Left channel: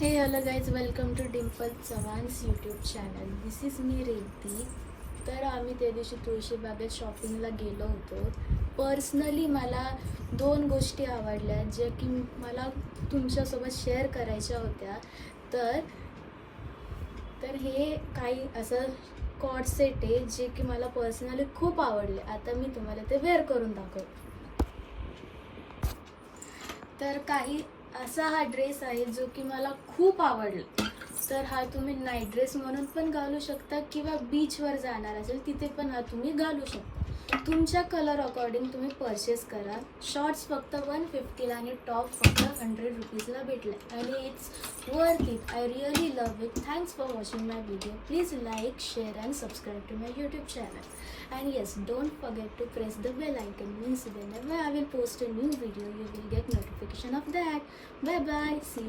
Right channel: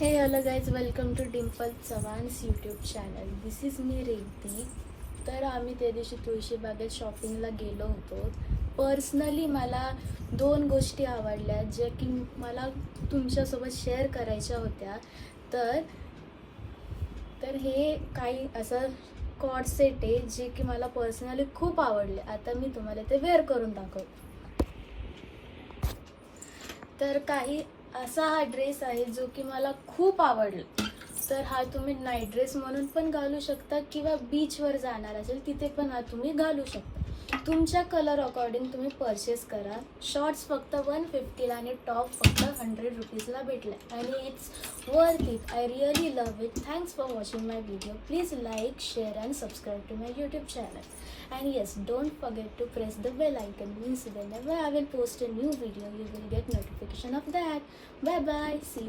हे hello guys, welcome to Dimple Chavan's YouTube channel. This is me Revati. तर आम्ही त्या दिवशी तुळशीबागेत शॉपिंगला गेलो होतो. पर्सनली मला दोन गोष्टी आवडल्या ज्या की मला तुमच्यासोबत शेअर करायच्या होत्या. तर तर हे काही असं कॉर्ड सेट आहे जे की मला पर्सनली खूप आवडले. आता मी तुम्हाला ते वेअर करून दाखवते. तर काही असा हा ड्रेस आहे जो की मला खूप आवडला. तर हा तुम्ही नाईट ड्रेस म्हणून पण घालू शकता किंवा बीचवर जाणार असेल तिथे पण हा तुम्ही घालू शकता. तुमच्या कलर अकॉर्डिंग तुम्ही परचेस करा. शॉर्ट्स फक्त 150ला आणि टॉप फक्त 100 रुपीजला भेटले आणि it's worth it. I really love it. Thanks for watching my video. Please like, share and subscribe to my YouTube channel. And yes, don't forget to press the bell icon, means whenever I will post a new video you will get notification of that. Bye bye, see you.